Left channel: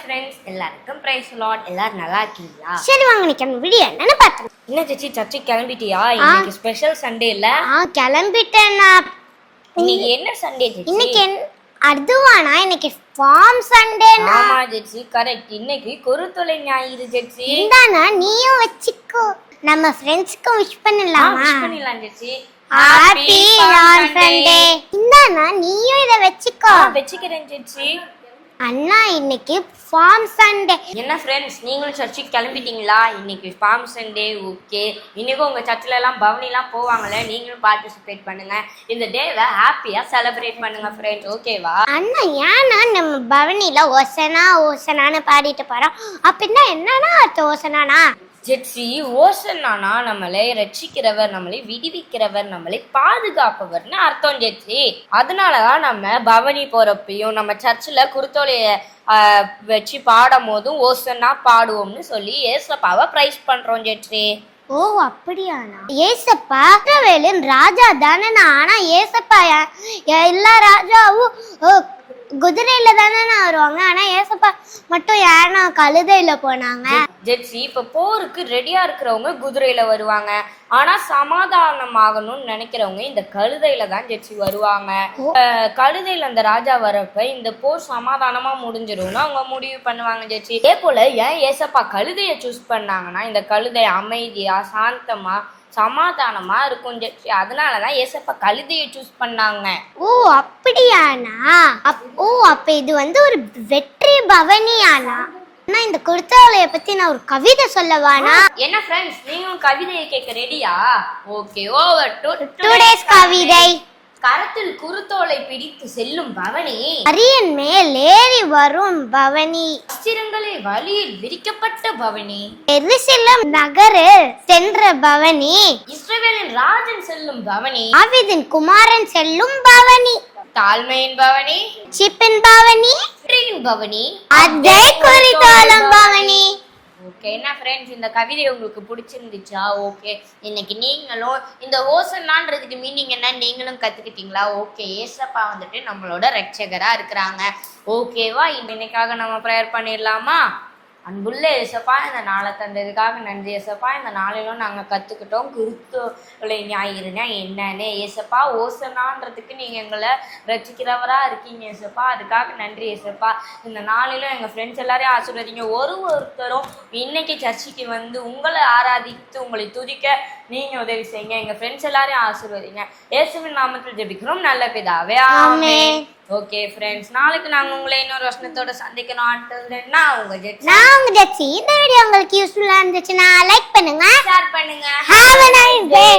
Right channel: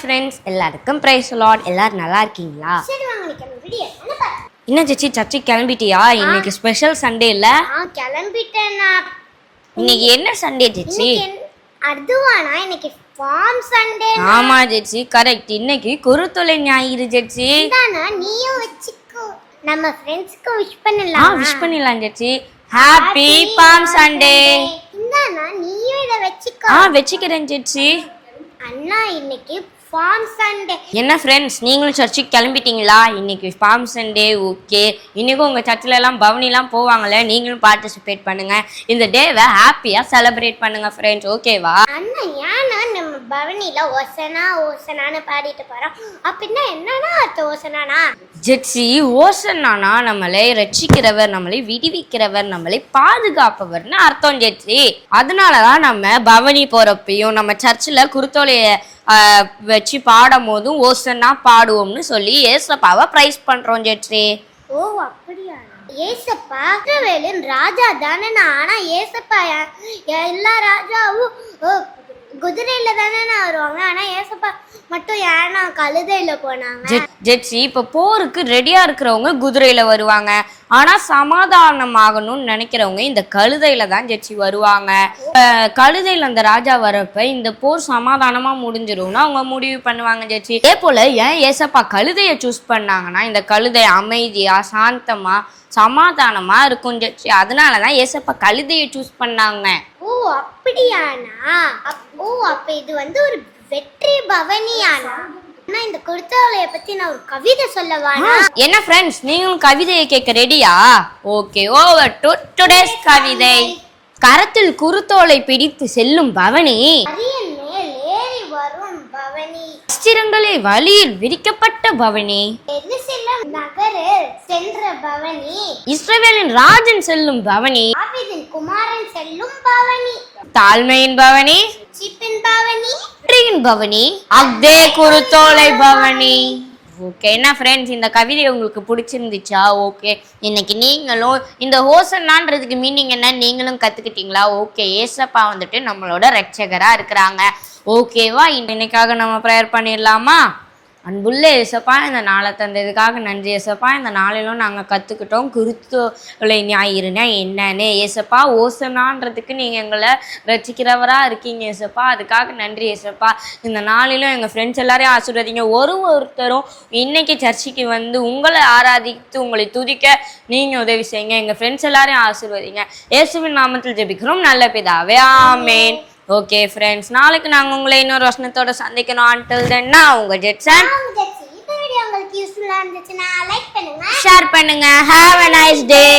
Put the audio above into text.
Friends, எல்லாருக்கும் price Lord. எல்லாரும் நல்லா இருக்கீங்களா? சரி வாங்க நிக்கணும் வீடியோ என்னன்னு பார்த்தேன். என்ன ஜெச்சி சர்ச்சுக்கு கிளம்பிட்டியா? இன்னைக்கு ஸ்பெஷல் சண்டே இல்ல? கிளம்பிட்டேன்னா. இன்னைக்கு என்ன சண்டே ஜெச்சி? இன்னைக்கு அதுவானா இன்னைக்கு ஃபார்ம் சண்டே. ஆமா ஜெச்சி, கரெக்ட். இன்னைக்கு குருத்தொலை ஞாயிறு ஜெச்சி. இந்தானா நீயும் வெச்சுக்கோ. நம்ம ஃப்ரெண்ட்ஸ்க்கு விஷ் பண்ணலாம். விஷ் பண்ணலாம் ஜெச்சி. Happy farm Sunday. இந்தானா நீயும் இத வெச்சுக்கோ. வெச்சிக்கிறேன் ஜெச்சி. அண்ணா இன்னைக்கு ஃபார்ம் சண்டே. என்ன ஃப்ரெண்ட்ஸ், நீங்களும் சர்ச்சுக்கு கிளம்பிட்டீங்களா? இன்னைக்கு ஃபார்ம் சண்டே. ஓகே, இன்னைக்கும் உங்கள் சர்ச்சில் எல்லாம் பவனிலாம் போவாங்கல்ல, நீங்களும் பார்ட்டிசிபேட் பண்ணுங்க. இந்த டேவை ஹாப்பியாக செலிப்ரேட் பண்ணுங்க ஃப்ரெண்ட்ஸ். ஓகேவா? அண்ணா ஏன்னா நம்ம பவனில ஓசனா ஓசனான்னு பாடிட்டு போறோம். அப்படின்னா என்னன்னா அர்த்தம் ஓசனானா? ஜெட்சி, ஓசனானா நம்மளை ரட்சிக்கிறவர், நம்மளை விடுவிக்கிறவர், நம்மளை பாதுகாப்பவர்னு அர்த்தம் ஜெட்சி. அதனாலதான் நம்ம பவனி போறப்பையும் நம்ம சர்ச்சில் குருத்தோலைய வச்சு பாடும் போதும் ஓசனா பாடுவோம்னு சொல்லி ஏசப்பாவை பிரைஸ் பண்றோம் ஜெட்சி. ஓ அப்படியானா? ஏசப்பா வேலும் ராஜா தானே. ஆனா ஏசப்பா எல்லா ராஜாவும் குதிரையில தானே வருவாங்க. ஆனா ஏசப்பா மட்டும் ஏன்னா கழுதையில போனாங்க. ஜெட்சி, இப்ப போருக்கு ரெடியா இருக்கிறவங்க குதிரையில வருவாங்க. ஆனா சமாதானம் ஆகணும்னு நினைக்கிறவங்க இந்த கழுதையில தான் ஜெட்சி வருவாங்க. கழுதையில அந்த ராஜா வரப்ப இந்த போர் சமாதானமா முடிஞ்சிரும்னு அவங்க முடிவு பண்ணுவாங்க ஜெட்சி. அதே போல ஏன் ஏசப்பா கழுதைய சூஸ் பண்ணாங்கன்னா, இந்த கழுதை அமைதியா சாந்தமா சமாதானமா இருக்கும் ஜெட்சி. அதனாலதான் ஏசப்பா கழுதைய சூஸ் பண்ணாங்க. ஓ அப்படியானா? ஓ அப்ப இது ஒரு வெற்றி பவனியானா? இந்த குருத்தோலைய பத்தி நான் ஒரு கவிதை சொல்லவானா? என்ன ஃப்ரெண்ட்ஸ், நீங்களும் கவிதையை கேட்க ரெடியா? ஓகே, ஓவர் டு டுடேஸ் கவிதை. கரத்தில் குருத்தோலை பிடித்து செல்லும் பவனி, அரியன் மேல் ஏறி வரும் பவனி, அஸ்திரங்களே வழியில் விரிக்கப்பட்ட பவனி, எருசலேம் நகரில் சென்ற பவனி, இஸ்ரவேலின் ராஜன் செல்லும் பவனி, தாவீதின் குமாரன் செல்லும் பவனி, தாழ்மையின் பவனி, சிப்பின் பவனி, வெற்றியின் பவனி, அதே குருத்தோலை பவனி. ஓகே, என்ன ஃப்ரெண்ட்ஸ், இந்த கவிதை உங்களுக்கு பிடிச்சிருந்துச்சா? ஓகே, இன்னைக்கு நீங்களும் இந்த ஹோசன்னான்றதுக்கு மீனிங் என்ன நீங்களும் கத்துக்கிட்டீங்களா? ஓகே, ஏசப்பா நம்மளோட ரட்சகரா இருக்கிறாங்க. ஓகேவா? இன்னைக்காக நம்ம ப்ரேயர் பண்ணிடலாமா? அன்புள்ள ஏசப்பா, இந்த நாளை தந்ததுக்காக நன்றி ஏசப்பா. இந்த நாளிலும் நாங்கள் கற்றுக்கிட்டோம் குருத்தோலை ஞாயிறுனா என்னன்னு. ஏசப்பா, ஓசனான்றதுக்கு நீங்கள் எங்களை ரசிக்கிறவராக இருக்கீங்க ஏசப்பா. அதுக்காக நன்றி ஏசப்பா. இந்த நாளிலும் எங்கள் ஃப்ரெண்ட்ஸ் எல்லாரையும் ஆசீர்வதிங்க. ஒருத்தரும் இன்னைக்கு சர்ச்சுக்கு உங்களை ஆராதித்து உங்களை துதிக்க நீங்கள் உதவி செய்யுங்க. எங்கள் ஃப்ரெண்ட்ஸ் எல்லாரையும் ஆசீர்வதிங்க. இயேசுவின் நாமத்தில் ஜெபிக்கிறோம் நல்ல பிதாவே, ஆமென். ஓகே ஃப்ரெண்ட்ஸ், நாளைக்கு நாங்கள் உங்களை இன்னொரு வசனத்தோட சந்திக்கணும். until then உங்க ஜெட்ஸி. இந்த வீடியோ உங்களுக்கு யூஸ்ஃபுல்லா இருந்துச்சுன்னா லைக் பண்ணுங்க, ஷேர் பண்ணுங்க. Have a nice day.